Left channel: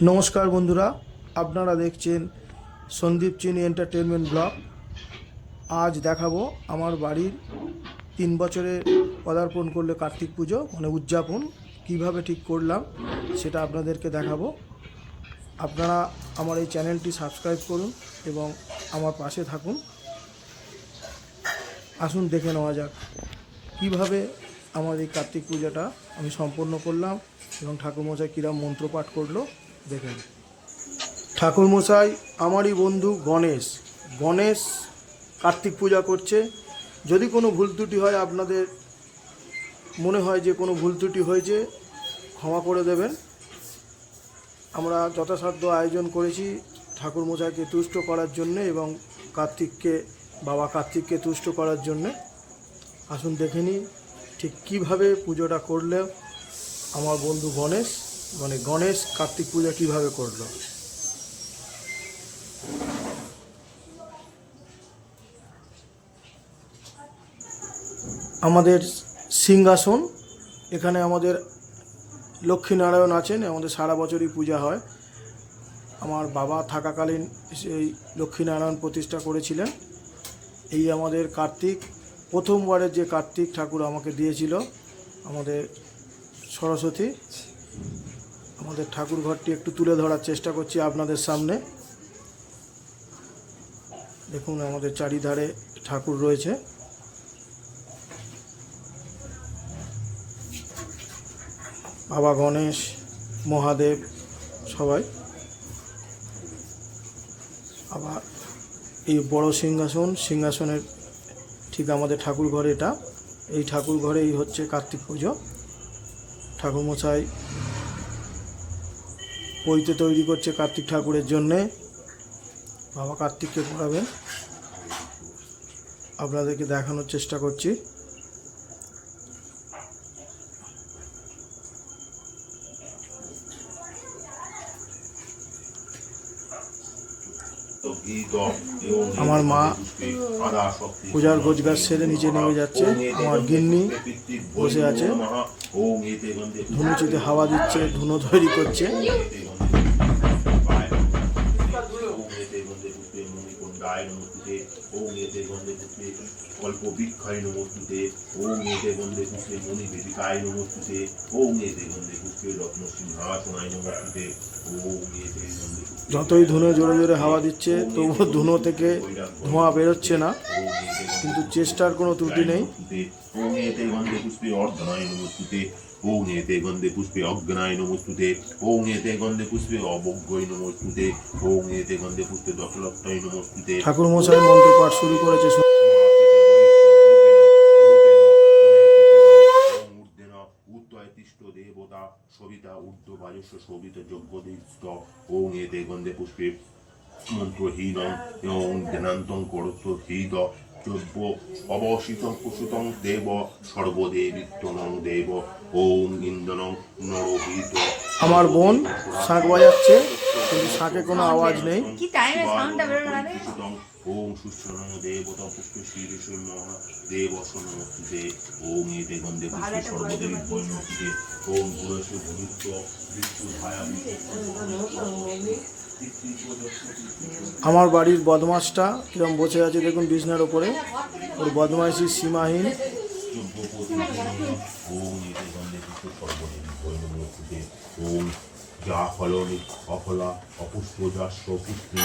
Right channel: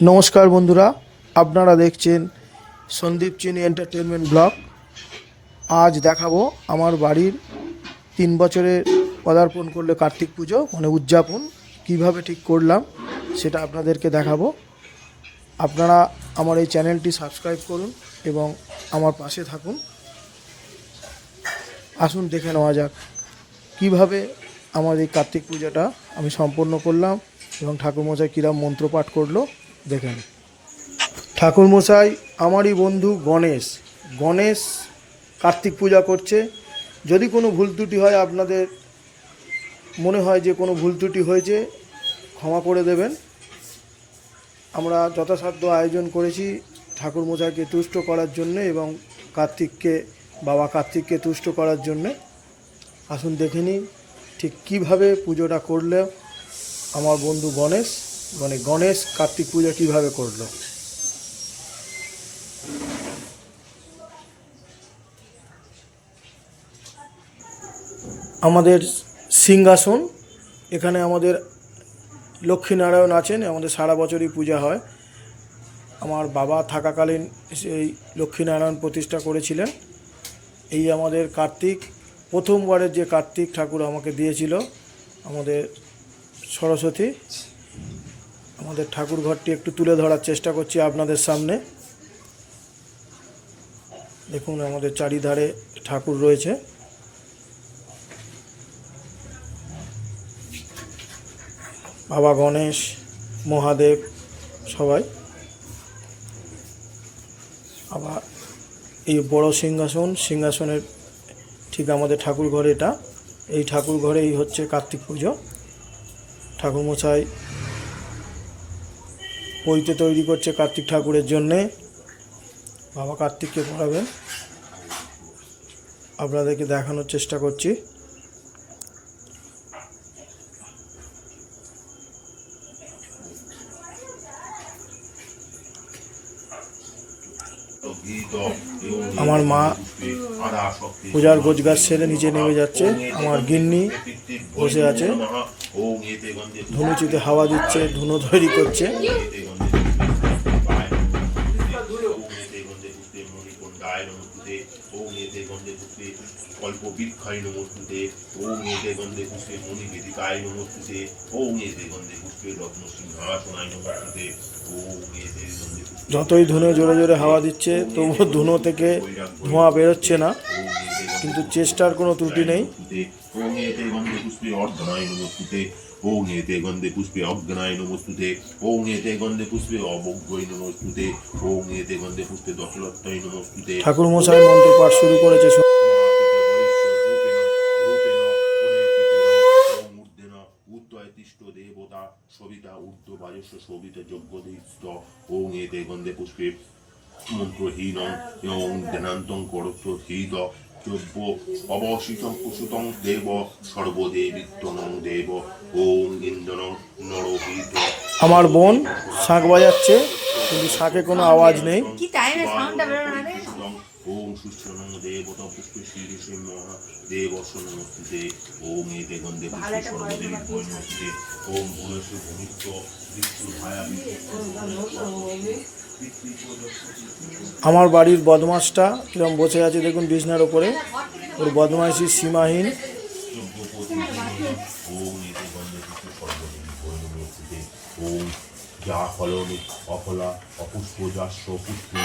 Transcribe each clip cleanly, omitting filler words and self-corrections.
নমস্কার বন্ধুরা, আপনারা দেখছেন সন্দীপ চিনি এন্টারটেনমেন্ট ব্লগ। আজ দেখাবো আমার বাড়ির 3 বছরে পদার্পণ করলে কার্তিক পুজো মানে উদযাপন কিভাবে ঠিক করলাম সেটা আপনাদেরকে দেখাবো। আপনারা আমার এই চ্যানেলটি সাবস্ক্রাইব করুন এবং আমার পাশে থাকুন। আসুন দেখে নেওয়া যাক কীভাবে আমার এই কার্তিক পূজাটা আমি সম্পন্ন করলাম এবং ঠাকুরমশাই কীরকম মন্ত্রপাঠ করলো দেখেন। ঠাকুরমশাই আমারই বন্ধু গণেশ কার্তিক পূজা করছে। যদি কোনো ভুল ত্রুটি হয়, আপনাদের মনে হয় যে কোনো ভুল ত্রুটি হয়েছে, ক্ষমা করে দেবেন। আমরা যথাসাধ্য আয়োজন করেছি ঠাকুরমশাইকে তুষ্ট করার জন্যে এবং বাবা কার্তিককে তুষ্ট করার জন্যে। আসুন দেখে নিই ঠিক কীভাবে পুজোটা করলে আমার বন্ধু গণেশ কার্তিক পূজা কীভাবে করলো। আমাদের সিংহাসন, এখানে আমাদের লক্ষ্মীনারায়ণ আছেন, আমাদের সারা বছরই পূজা হয়। আমার বাবা থাকাকালীন সেই লক্ষ্মীনারায়ণ প্রতিষ্ঠা করেছিলেন। এই আমাদের কার্তিক, প্রথমবারের যে কার্তিক ঠাকুর আমাকে দিয়েছিল আমাদের সরস্বতী। আমাদের ঠাকুর ঘরটি একটু তুলে ধরার চেষ্টা করছি আপনাদের সামনে। দেখুন আমাদের চারিধারে ঠাকুর রয়েছে। বাবা গণেশ, মহাদেব সবাই। আবার এই বড় সিংহাসনের ঠিক আমাদের ঠাকুর ঘর এটা। এই ঠাকুর ঘরেই হচ্ছে কার্তিক পুজো। ঠাকুরমশাই পৈতে তৈরি করছে কার্তিক ঠাকুরের জন্যে। বাবা কার্তিককে পড়াবেন, আপনাদেরকে দেখানোর চেষ্টা করছি। আমার মা পূজার গোছগাছ সেরে নিচে নেমে যাচ্ছে। আমার গিন্নি বসে আছে, ধুনুচিতে হাওয়া দিচ্ছে, ধুনো তৈরি করছে। যতই ধুনো জোরে জোরে হাওয়া দিচ্ছে তবুও ধুনো থেকে ধোঁয়া বেরোচ্ছে না, কিন্তু চেষ্টার কোনো ত্রুটি নেই। ওং এতে গন্ধে পুষ্পে অজ্ঞানায় নমস্তুতে, ওং এতে গন্ধে পুষ্পে অবজ্ঞই নমস্তুতে, ওং এতে গন্ধে পুষ্পে দশলত্তায় নমস্তুতে। ঠাকুরমশাই মন্ত্রপাঠ শুরু করেছে। দেবতা সবিতা ঊর্ধ্ব বায়স্য শোভিত যজ্ঞদিষ্ট, ওং এতে গন্ধে পুষ্পে মন্ত্রহীন ওং ধ্যানান্তং করত্ব হৃদ যজ্ঞ অবশিতং কুসুতং দেব সর্বদেবিত্তনং দেব, ওং ইন্দ্রনং নরহিত। আমার বোন শাঁখ বাজাচ্ছে, কিন্তু শাঁখে কোনো আওয়াজ নেই। ওং সুস্থনং দেবতা পুষ্পে শ্রীদেশে মহাদেব সন্নস্তুতে, ওং এতে গন্ধে পুষ্পে সর্বদেবী নমস্তুতে, ওং ভূয়সে ভূমিত্ব বিষ্ণু ভায়া। আমার বাড়ির বদমাসটা কিরম বসে আছে দেখুন বিছনার ওপরে, ওর বদমাইশি সীমাহীন। ওং এতে গন্ধে পুষ্পে সর্বদেবী নমস্তুতে, ওং যা ফলনি অফলা অপুষ্প যাস্য পুষ্পে।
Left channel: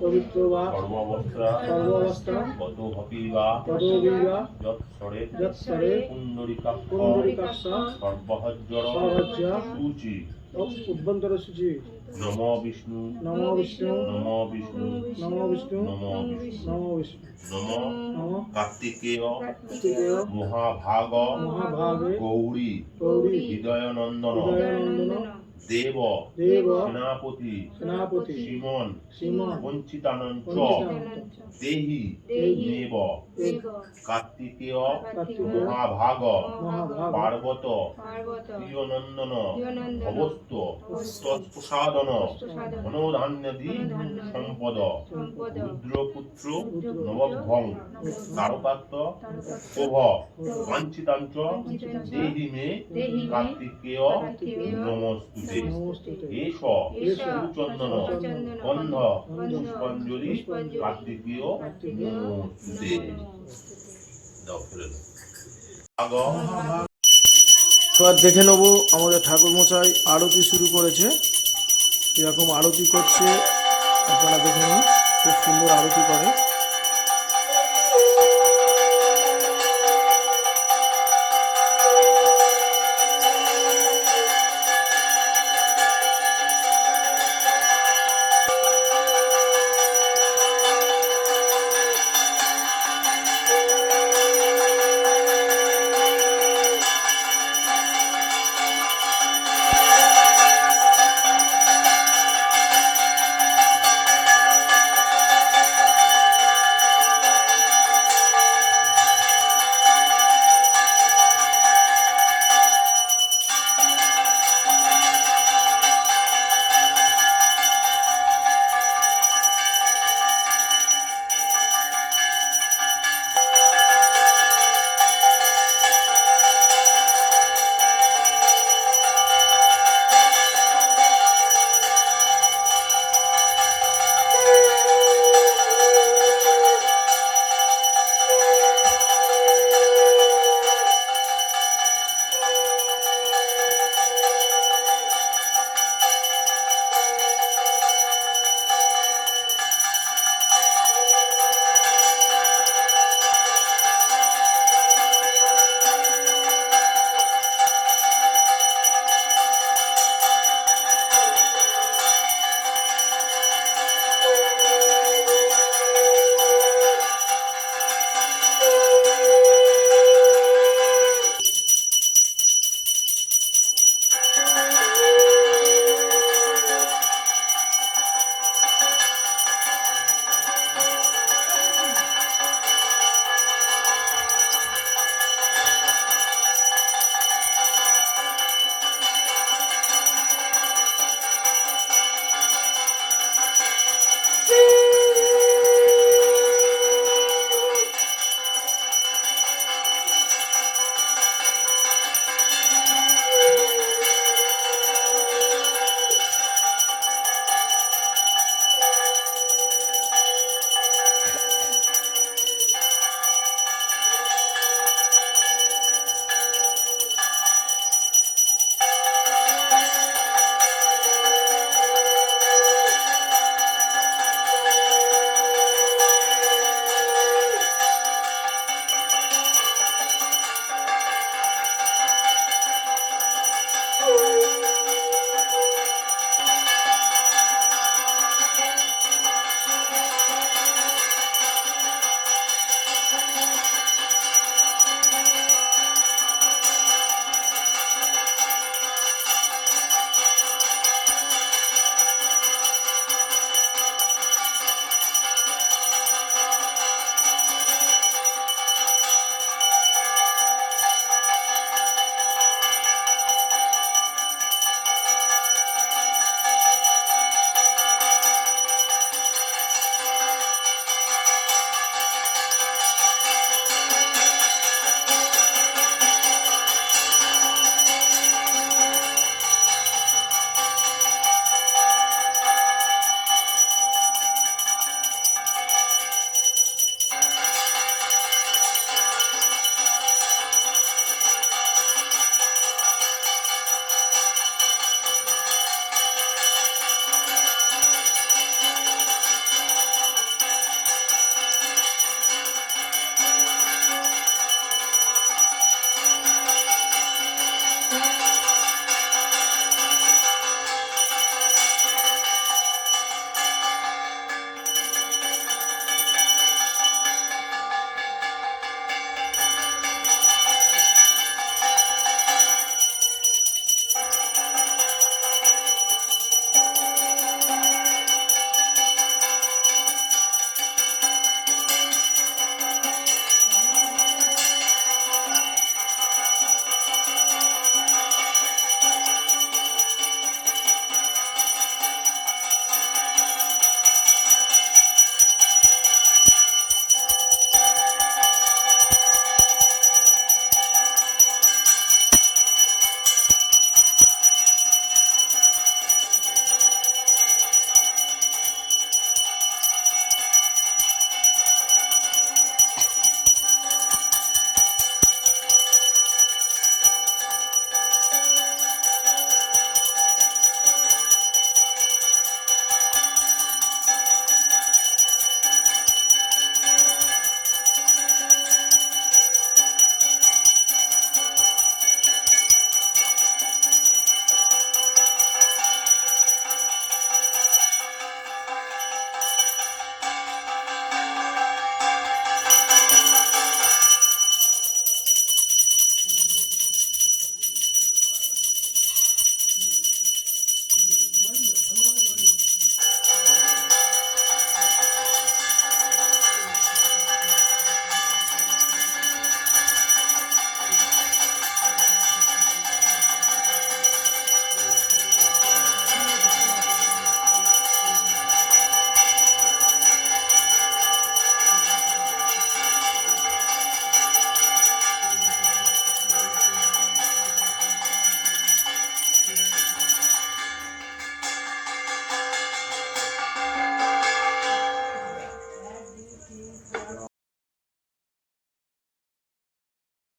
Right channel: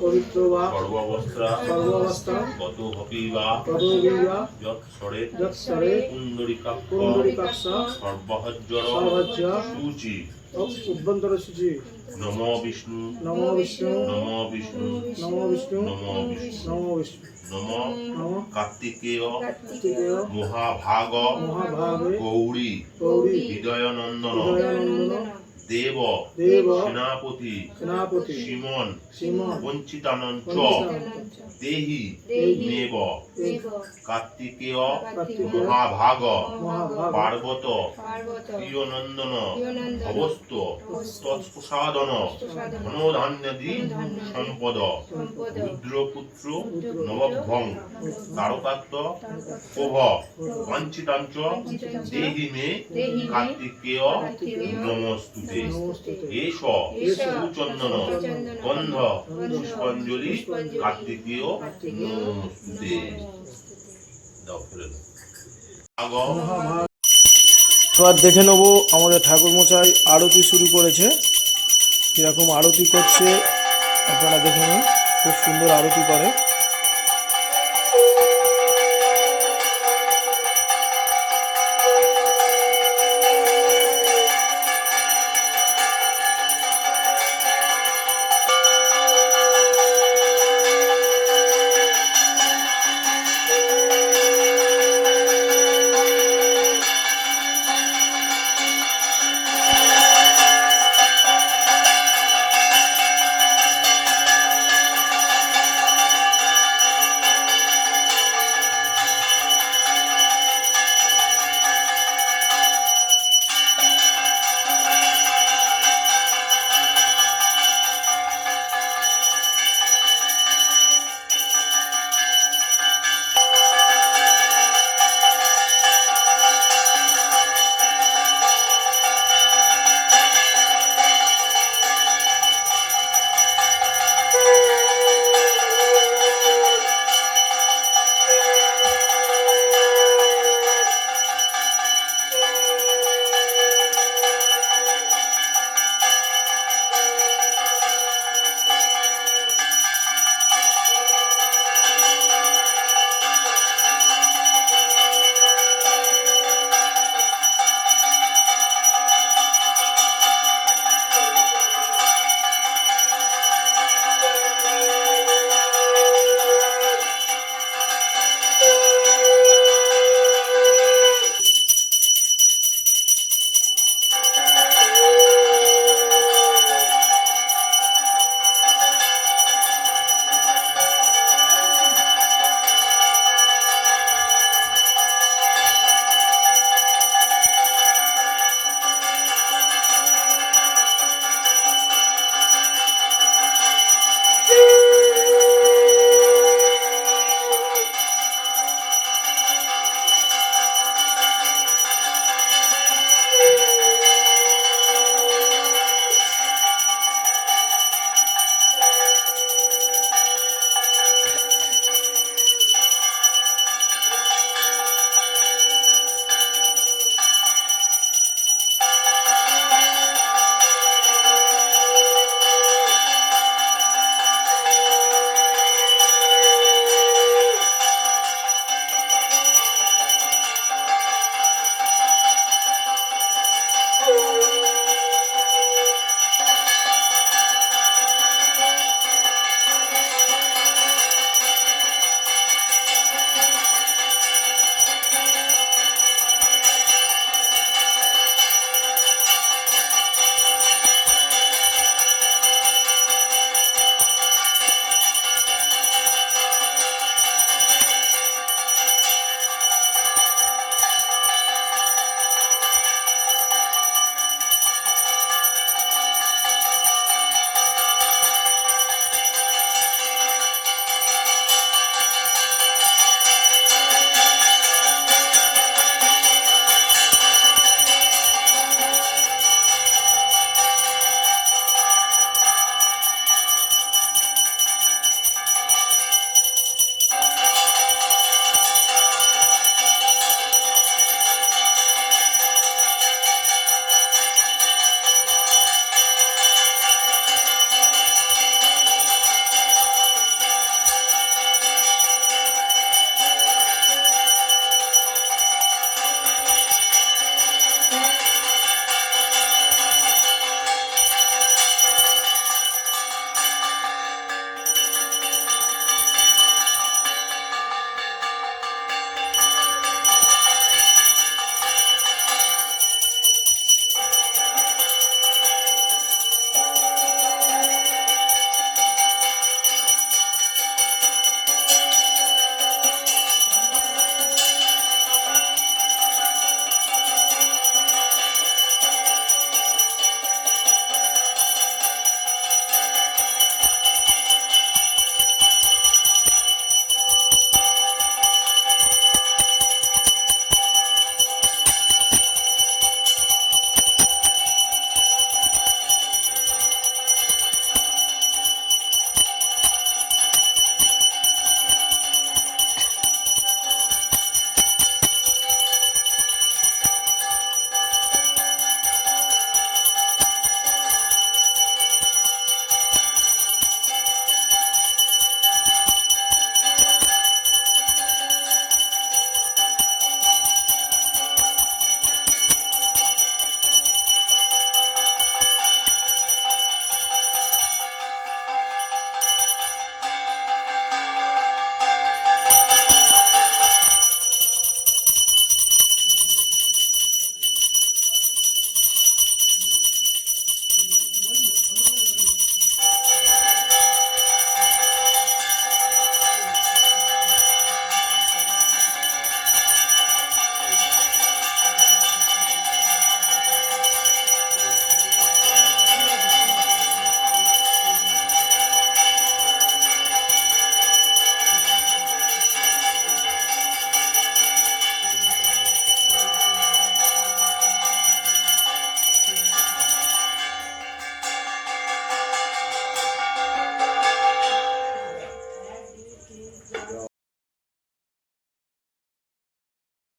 পবিত্র বা সর্বাবস্থা কত হপি বা যৎসরে পুণ্ডরীকাক্ষ সর্বহজ্জর সূচি অভ্যন্তর সূচি। নম বিষ্ণু নম বিষ্ণু নম বিষ্ণু নম বিষ্ণু নম বিষ্ণু নম বিষ্ণু নম কার্তিকেয় মহাভাগ মহাভাগে গৌরী গৌরী হৃদয়নন্দন হৃদয়ানন্দন দেব দেব সেনাপতি সেনাপতি সিমন সীমন বঞ্চিতানঞ্চ পঞ্চিতানঞ্চ দেহি দেহি নেব দেব কার্তিকেয় কার্তিকেয় মহাভাগ মহাভাগ পার্বত পার্বত প্রিয়নন্দন প্রিয়নন্দন অবস্ত তৎপ্রসাদন প্রসাদন ধনধান্যাদি সম্পদ সম্পদ রুদ্রপুত্র নবভং তারকাত্ম প্রভ বাঞ্ছিতাঞ্চ দেহি মে দেহি মে কার্তিকেয় কার্তিকেয় নমস্তুতে নমস্তুতে এষ এষ সুচন্দন সুচন্দন গন্ধ গন্ধ পুষ্পাঞ্জলি পুষ্পাঞ্জলি কার্তিকেয় কার্তিকেয় নমস্তুতে দাও ফেলে দাও আগ মহাভাগ। এবার দেখে নেব আমাদের ঠাকুরমশাই আরতি শুরু করেছে, কীরকম আরতি করছে আপনারা দেখে নিন। খুব সুন্দর আরতি করে।